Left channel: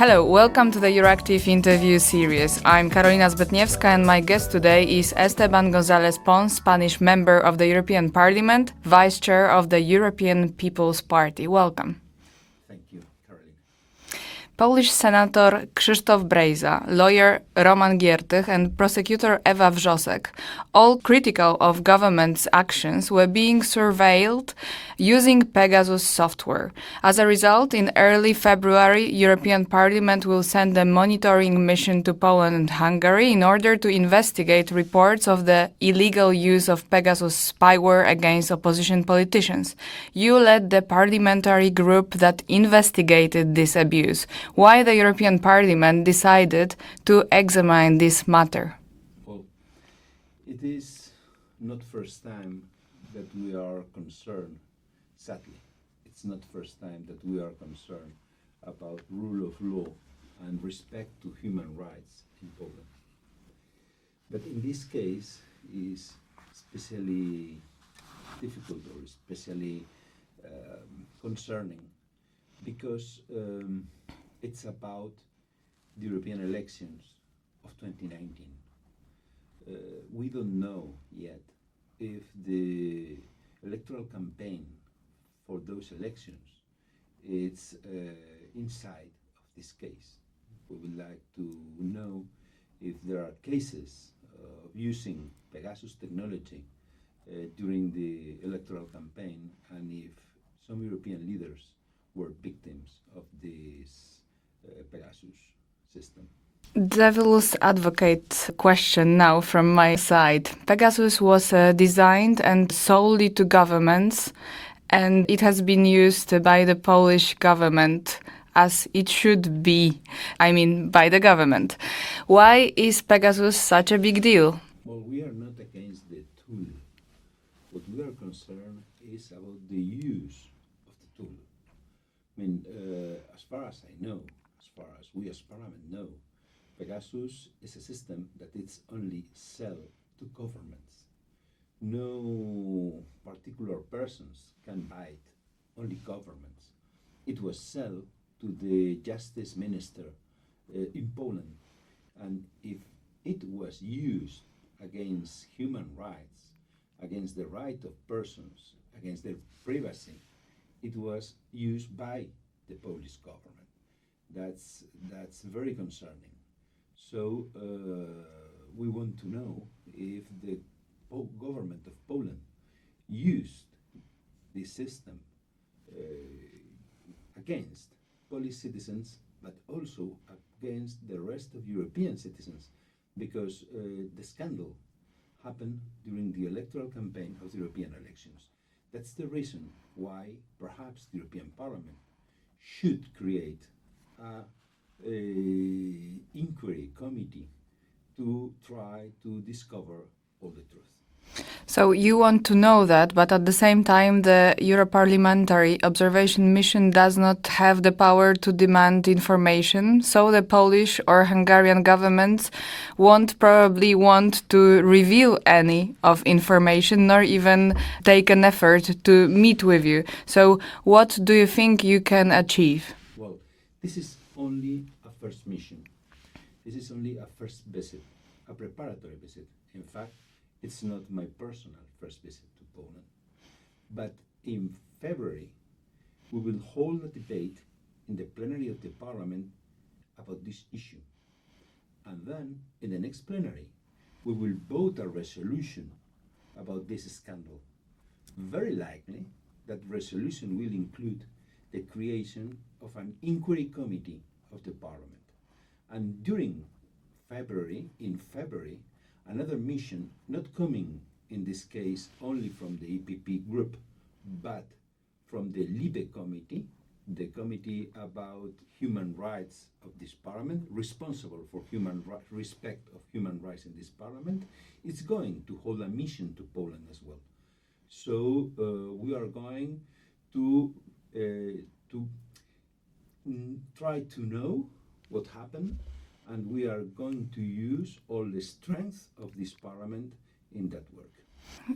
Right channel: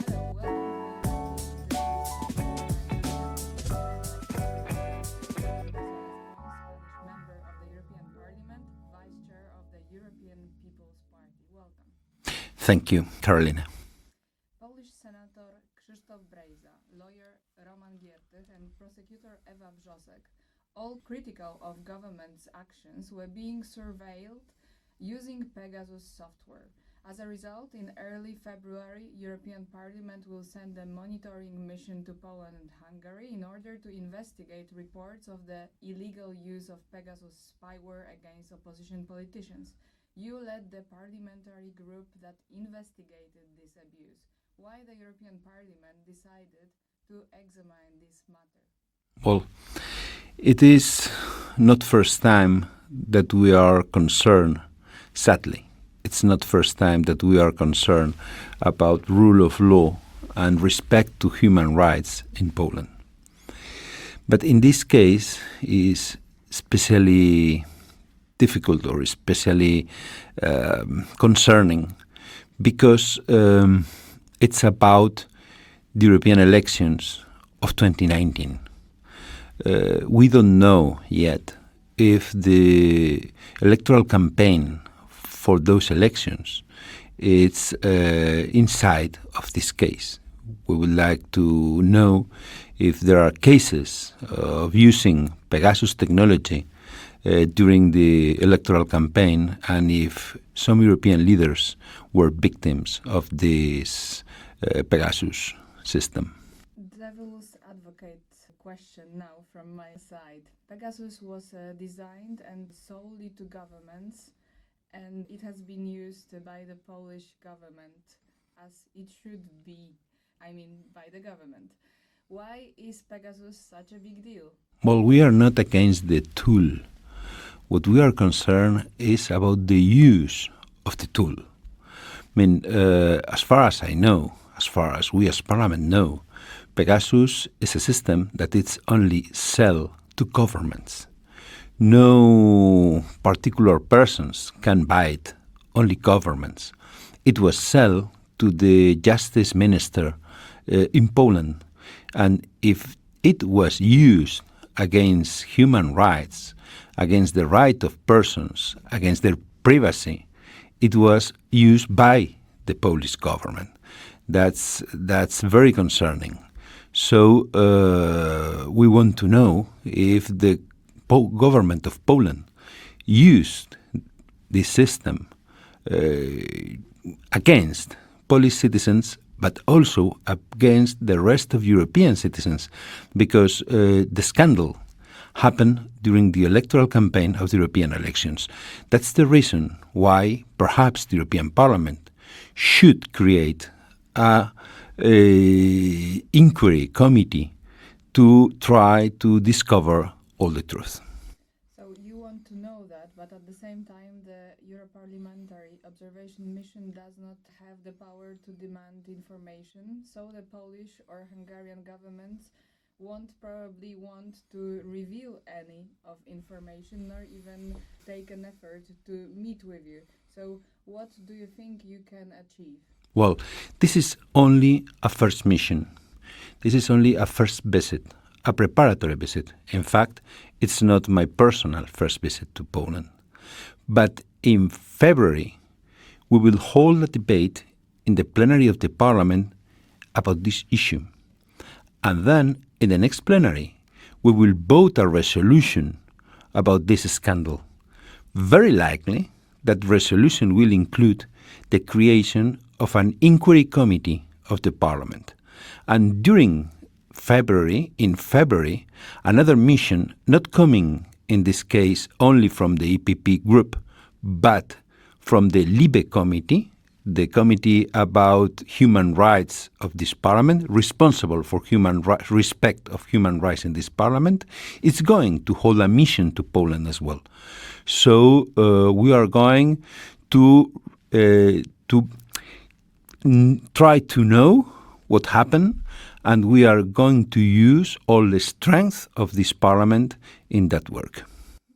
Hello, welcome to the EURACTIV interview series. I'm Karolina Zbytniewska and my guest today is Esteban González Pons, Spanish member of the European Parliament, Vice Chair of the European People's Party. Welcome. Thank you, Karolina. Polish Senator Krzysztof Brejza, lawyer Roman Giertych and prosecutor Ewa Wrzosek, all critical of government's actions, were being surveilled using Pegasus software. As a result, in early February, European Parliament will send a monitoring mission to Poland and Hungary in order to investigate reports of the illegal use of Pegasus spyware against opposition politicians. You led the parliamentary group that investigated this abuse. Why the European Parliament decided to examine this matter? Well, it is not first time that we are concerned, sadly. It's not first time that we are concerned about rule of law and respect to human rights in Poland. But in this case is especially difficult or especially concerning because it's about the European elections of 2019. We don't know yet if the electoral campaign for those elections is inside of this case. We would like to know if there are cases of using Pegasus technology during the electoral campaign and if some European leaders were victims of this Pegasus system. Devil's advocate question now from my side. Pegasus was designed and solely to governments, and it has been used by the Polish government as it should be, by the government. Why is Pegasus such a big deal? Well, we are not against the tool. What we are concerned is about the use of the tool. As far as I know, as far as we as Parliament know, Pegasus is a system that it's only sell to governments. No particular persons can buy it, only governments. It was sell to the justice minister in Poland. And if it was used against human rights, against the right of persons, against their privacy, it was used by the Polish government. That's very concerning. So we want to know if the government of Poland used this system against Polish citizens, but also against the rest of European citizens, because the scandal happened during the electoral campaign of the European elections. That's the reason why perhaps the European Parliament should create a inquiry committee to try to discover all the truth. So you want to know that, but at the same time, the Euro-Parliamentary Observation Mission does not have the power to demand information. So the Polish or Hungarian governments won't probably want to reveal any of information, nor even take an effort to meet with you. So what do you think you can achieve? Well, this is only a first mission. This is only a first visit, a preparatory visit. In fact, it's not my personal first visit to Poland. But in February, we will hold a debate in the plenary of the Parliament about this issue. And then, in the next plenary, we will vote a resolution about this scandal. Very likely, that resolution will include the creation of an inquiry committee of the Parliament. And in February, another mission, not coming in this case only from the EPP group, but from the LIBE committee, the committee about human rights of this Parliament, responsible for respect of human rights in this Parliament, is going to hold a mission to Poland as well. So we are going to try to know what happened, and we are going to use all the strength of this Parliament in that work.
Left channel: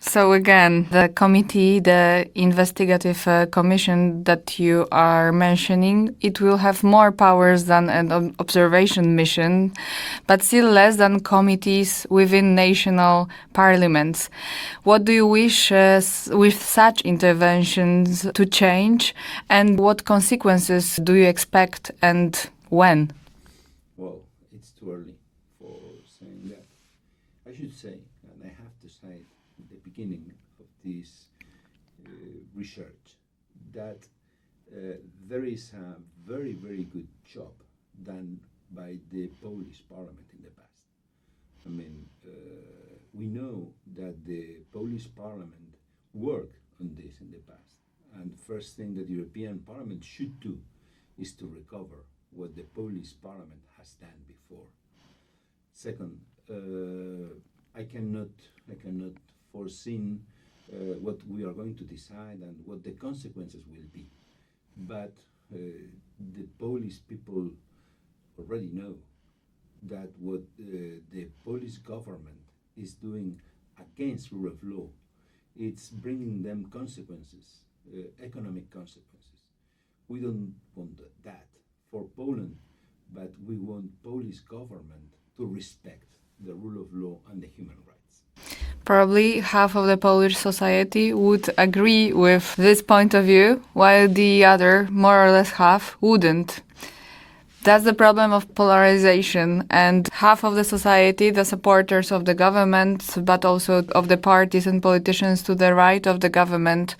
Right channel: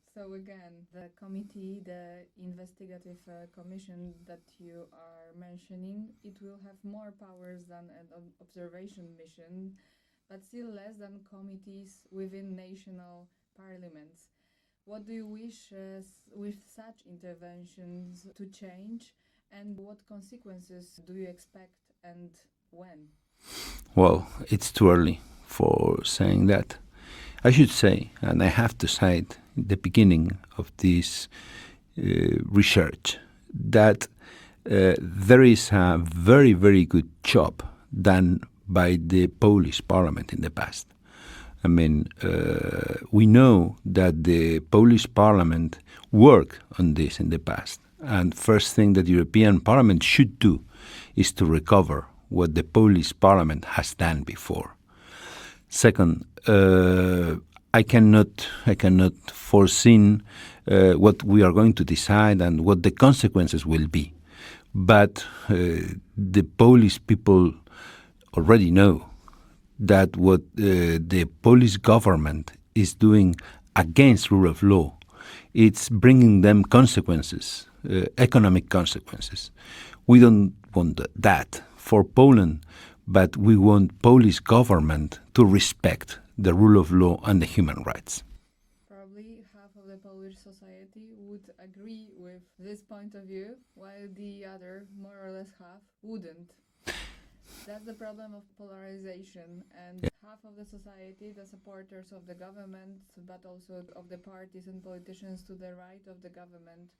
So again, the committee, the investigative commission that you are mentioning, it will have more powers than an observation mission, but still less than committees within national parliaments. What do you wish with such interventions to change, and what consequences do you expect and when? Well, it's too early for saying that. I should say, and I have to say it at the beginning of this research, that there is a very, very good job done by the Polish parliament in the past. I mean, we know that the Polish parliament worked on this in the past. And first thing that the European Parliament should do is to recover what the Polish parliament has done before. Second, I cannot foresee what we are going to decide and what the consequences will be. But the Polish people already know that what the Polish government is doing against rule of law, it's bringing them consequences, economic consequences. We don't want that for Poland, but we want Polish government to respect the rule of law and the human rights. Probably half of the Polish society would agree with this point of view, while the other, more or less half, wouldn't. That's the problem of polarization, and half of the society, the supporters of the government, but also of the parties and politicians to the right of the government,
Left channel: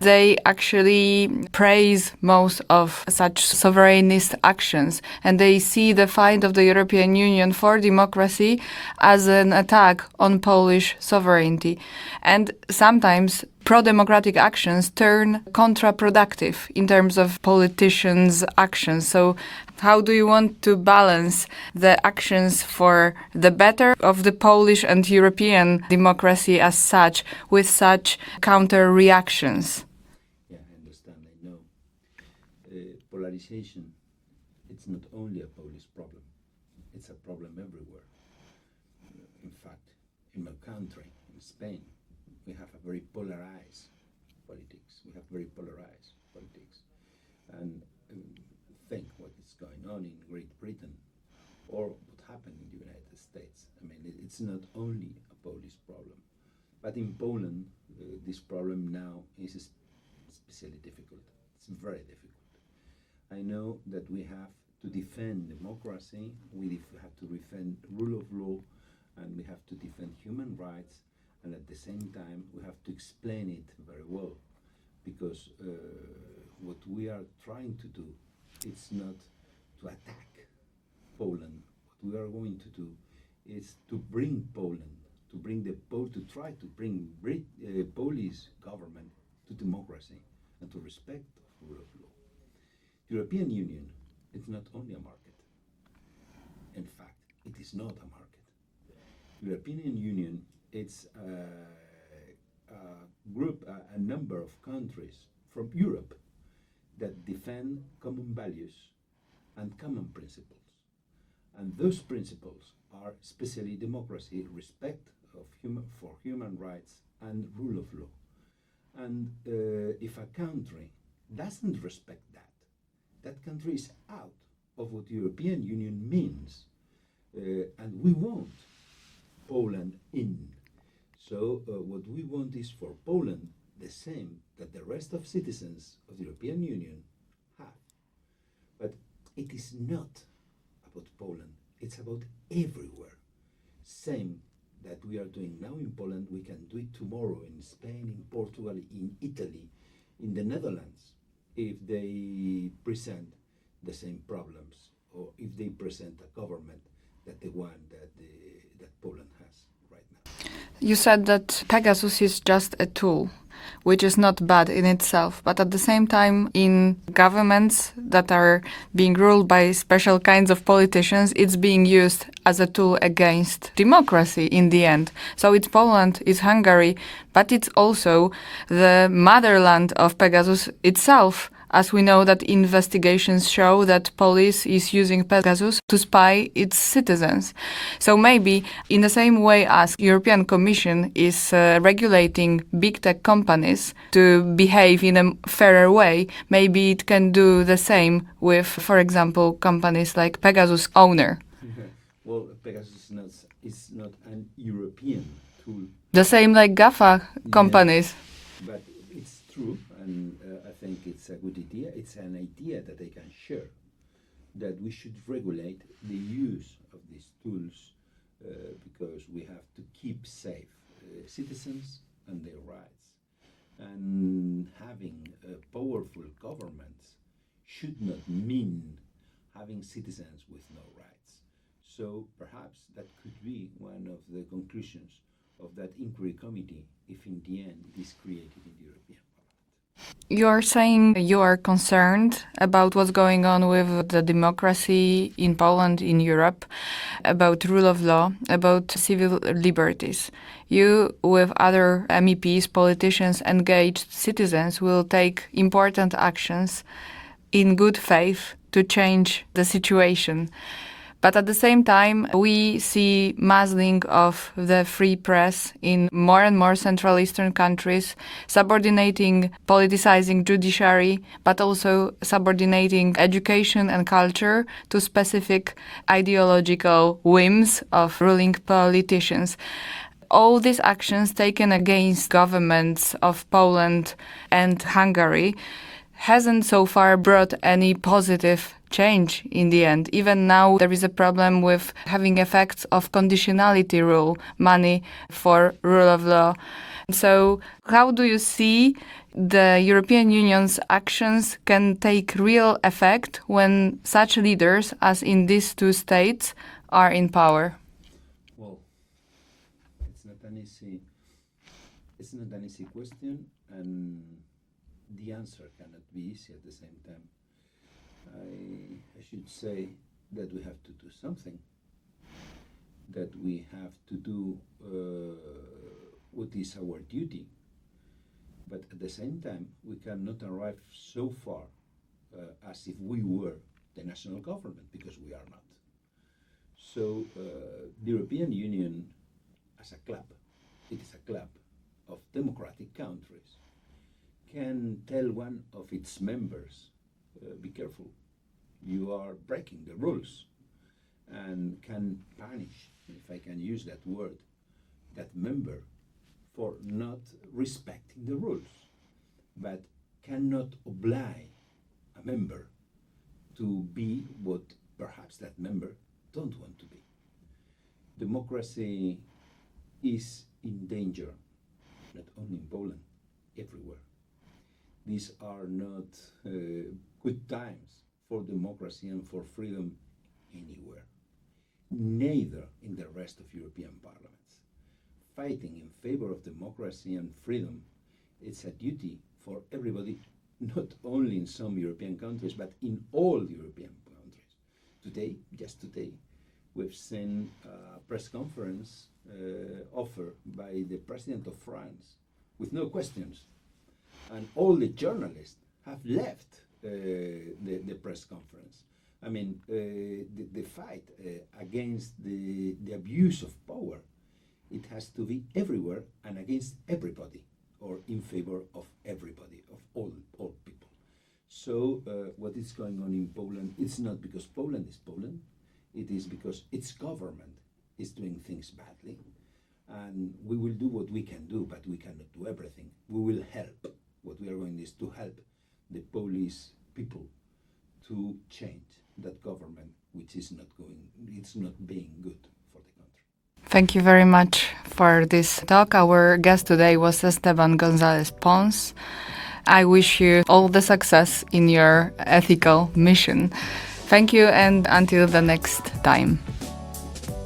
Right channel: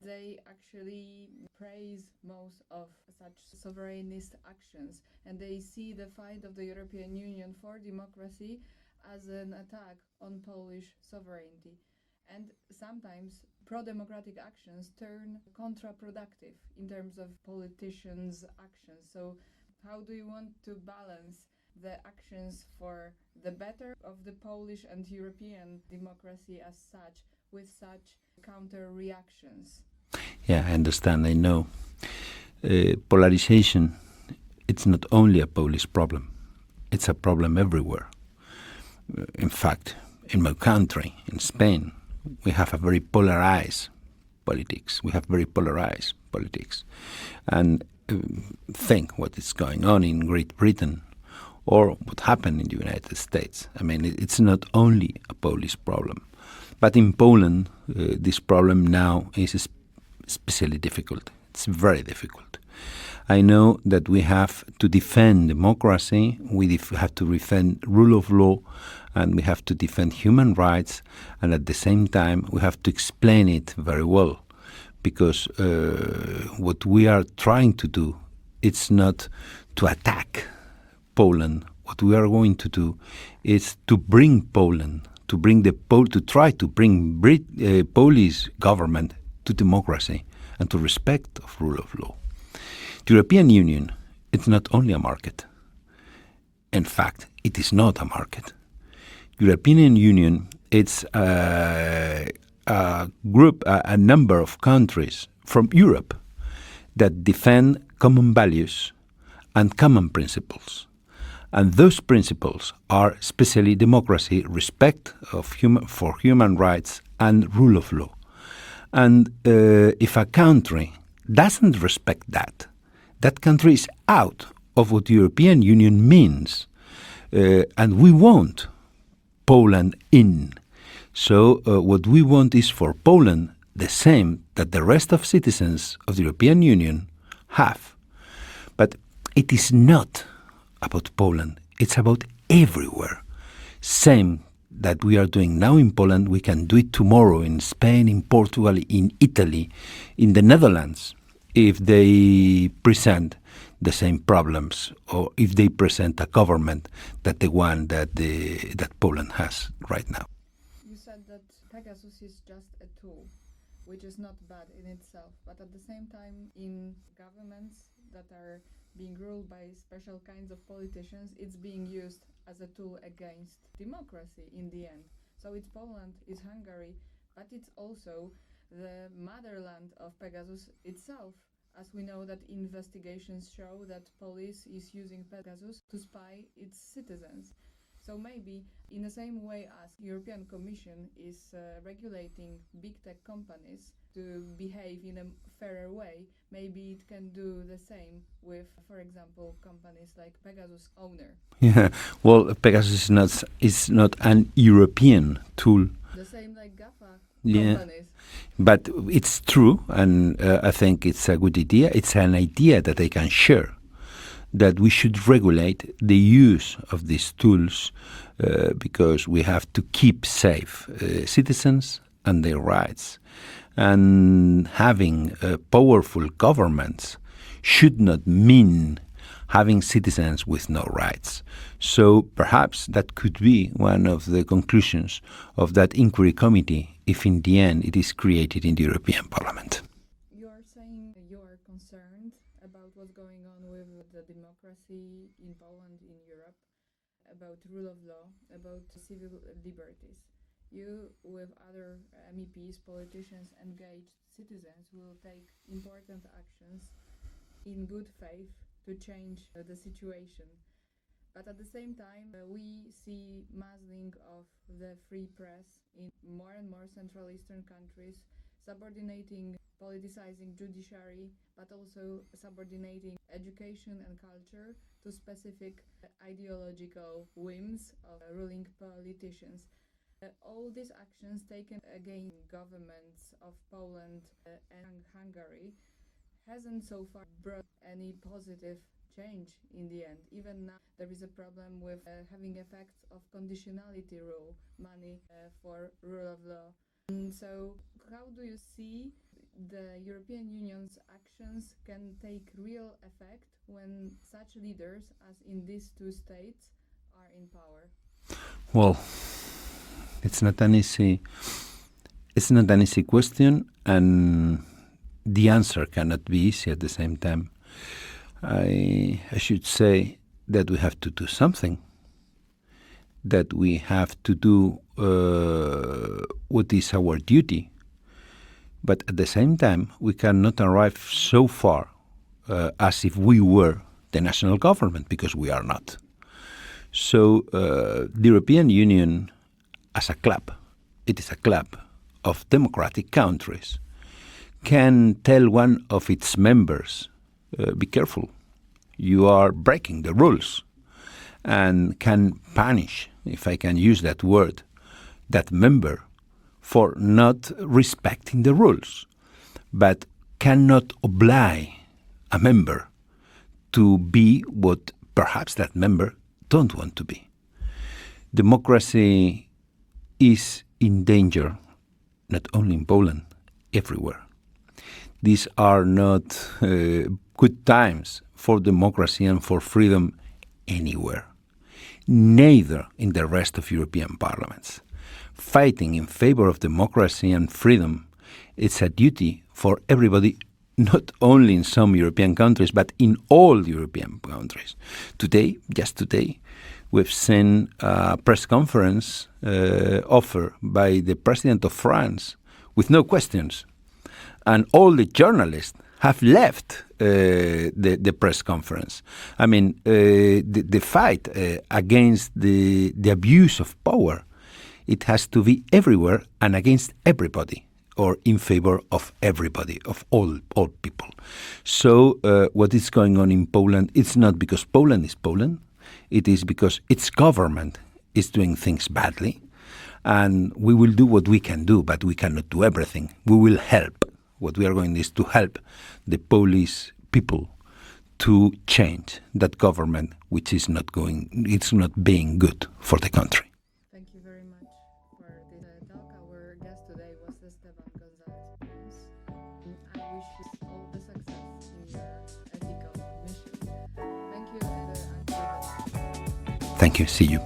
they actually praise most of such sovereignist actions, and they see the fight of the European Union for democracy as an attack on Polish sovereignty. And sometimes pro-democratic actions turn counterproductive in terms of politicians' actions. So how do you want to balance the actions for the better of the Polish and European democracy as such with such counter-reactions? Yeah, I understand, I know. Polarization, it's not only a Polish problem. It's a problem everywhere. In fact, in my country, in Spain, we have a very polarized politics. And think what is going on in Great Britain or what happened in the United States. I mean, it's not only a Polish problem. But in Poland, this problem now is especially difficult. It's very difficult. I know that we have to defend democracy, we have to defend rule of law, and we have to defend human rights, and at the same time we have to explain it very well, because what we are trying to do, it's not to attack Poland. What we are going to do is to bring Poland, to try to bring Polish government to democracy and to respect of rule of law. The European Union, it's not only a market. In fact, it is not a market. European Union, it's a group, a number of countries from Europe that defend common values and common principles. And those principles are especially democracy, respect for human rights, and rule of law. And if a country doesn't respect that, that country is out of what the European Union means. And we want Poland in. So what we want is for Poland the same that the rest of citizens of the European Union have. But it is not about Poland. It's about everywhere. Same that we are doing now in Poland, we can do it tomorrow in Spain, in Portugal, in Italy, in the Netherlands, if they present the same problems or if they present a government that the one that Poland has right now. You said that Pegasus is just a tool, which is not bad in itself, but at the same time, in governments that are being ruled by special kinds of politicians, it's being used as a tool against democracy in the end. So it's Poland, it's Hungary, but it's also the motherland of Pegasus itself, as we know that investigations show that police is using Pegasus to spy its citizens. So maybe in the same way as European Commission is regulating big tech companies to behave in a fairer way, maybe it can do the same with, for example, companies like Pegasus owner. Yeah, well, Pegasus is not an European tool. The same like GAFA companies. But it's true, and I think it's a good idea. It's an idea that I can share, that we should regulate the use of these tools because we have to keep safe citizens and their rights. And having powerful governments should not mean having citizens with no rights. So perhaps that could be one of the conclusions of that inquiry committee if in the end it is created in the European Parliament. You're saying you are concerned about what's going on with the democracy in Poland, in Europe, about rule of law, about civil liberties. You, with other MEPs, politicians, engaged citizens, will take important actions in good faith to change the situation. But at the same time, we see muzzling of the free press in more and more Central Eastern countries, subordinating, politicizing judiciary, but also subordinating education and culture to specific ideological whims of ruling politicians. All these actions taken against governments of Poland and Hungary hasn't so far brought any positive change in the end. Even now there is a problem with having effects of conditionality rule, money for rule of law. So how do you see the European Union's actions can take real effect when such leaders as in these two states are in power? Well, it's not an easy question, and the answer cannot be easy at the same time. I should say that we have to do something, that we have to do what is our duty. But at the same time, we cannot arrive so far as if we were the national government, because we are not. So the European Union, as a club, it is a club of democratic countries, can tell one of its members, be careful, you are breaking the rules, and can punish, if I can use that word, that member for not respecting the rules, but cannot oblige a member to be what perhaps that member don't want to be. Democracy is in danger, not only in Poland, everywhere. These are not good times for democracy and for freedom anywhere, neither in the rest of European parliaments. Fighting in favor of democracy and freedom, it's a duty for everybody, not only in some European countries, but in all European countries. Just today, we've seen a press conference offered by the President of France with no questions. And all the journalists have left the press conference. I mean, the fight against the abuse of power, it has to be everywhere and against everybody, or in favor of everybody, of all people. So what is going on in Poland, it's not because Poland is Poland, it is because its government is doing things badly, and we will do what we can do, but we cannot do everything. We will help. What we are going is to help the Polish people to change that government, which is not being good for the country. Thank you very much for this talk. Our guest today was Esteban González Pons. I wish you all the success in your ethical mission. Thank you, and until the next time. Thank you. See you.